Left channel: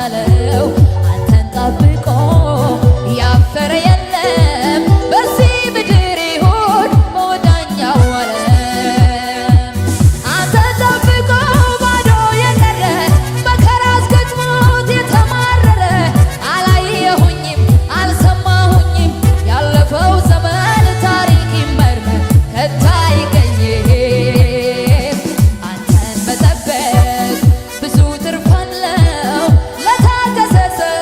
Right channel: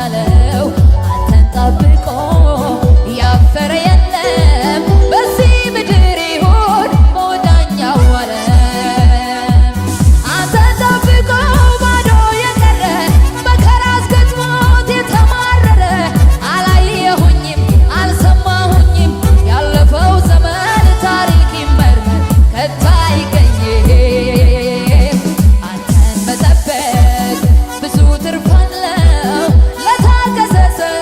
ላስቻለው አንተን ጠብቆ ያፈረ የለም በዚህ ምድር ይሁን በወዳኛው ዓለም። አንተን ጠብቆ ባዶ የቀረ መከራ አስገጥሞት የተማረረ አላየሁኝም አልሰማሁኝም ያለፈው ዘመን ታሪክ ይመርመር ከቶ አይገኝም። አንተን መጠበቅ ብዙ ትርፍ አለው ለታገሰ ሰው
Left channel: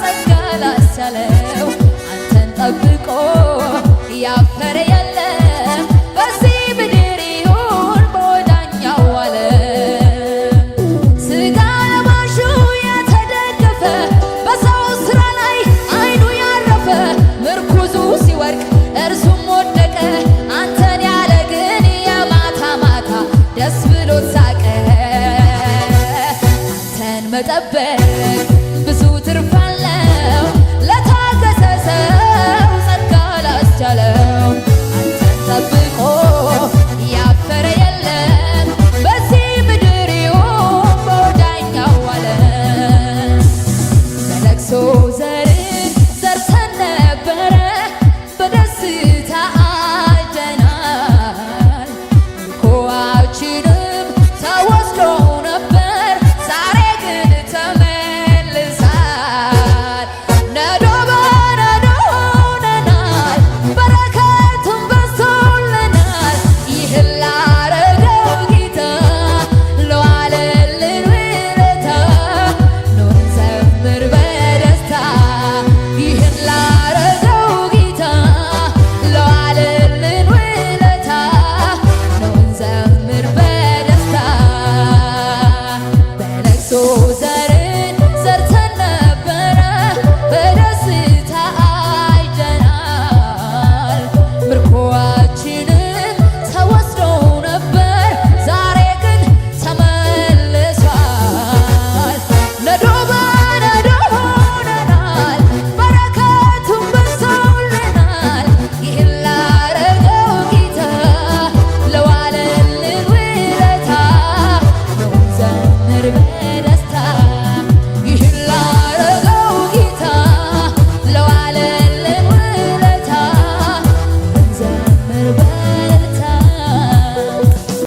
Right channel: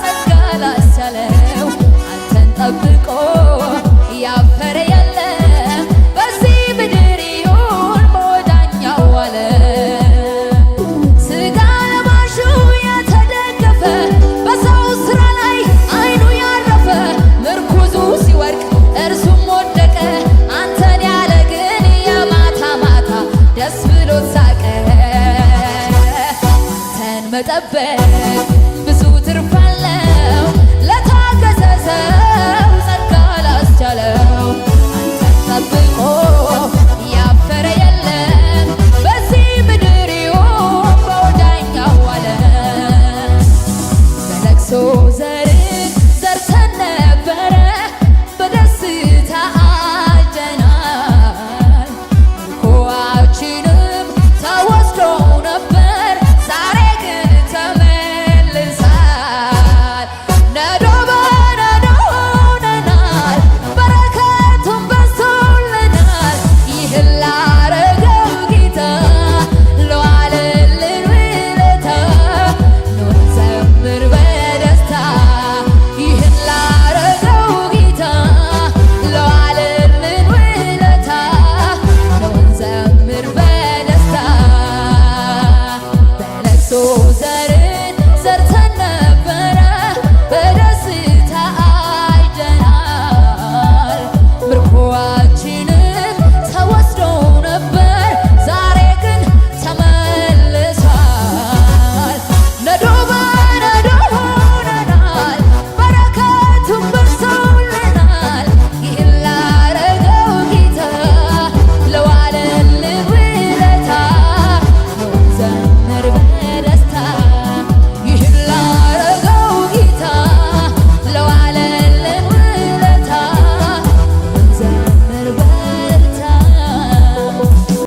ጸጋ ላስቻለው አንተን ጠብቆ ያፈረ የለም በዚህ ምድር ይሁን በወዳኛው ዓለም። ሥጋ ለባሹ የተደገፈ በሰው ሥራ ላይ አይኑ ያረፈ ምርኩዙ ሲወድቅ እርሱም ወደቀ አንተን ያለ ግን የማታ ማታ ደስ ብሎት ሳቀ። አንተን መጠበቅ ብዙ ትርፍ አለው ለታገሰ ሰው ጸጋ ላስቻለው አንተን ጠብቆ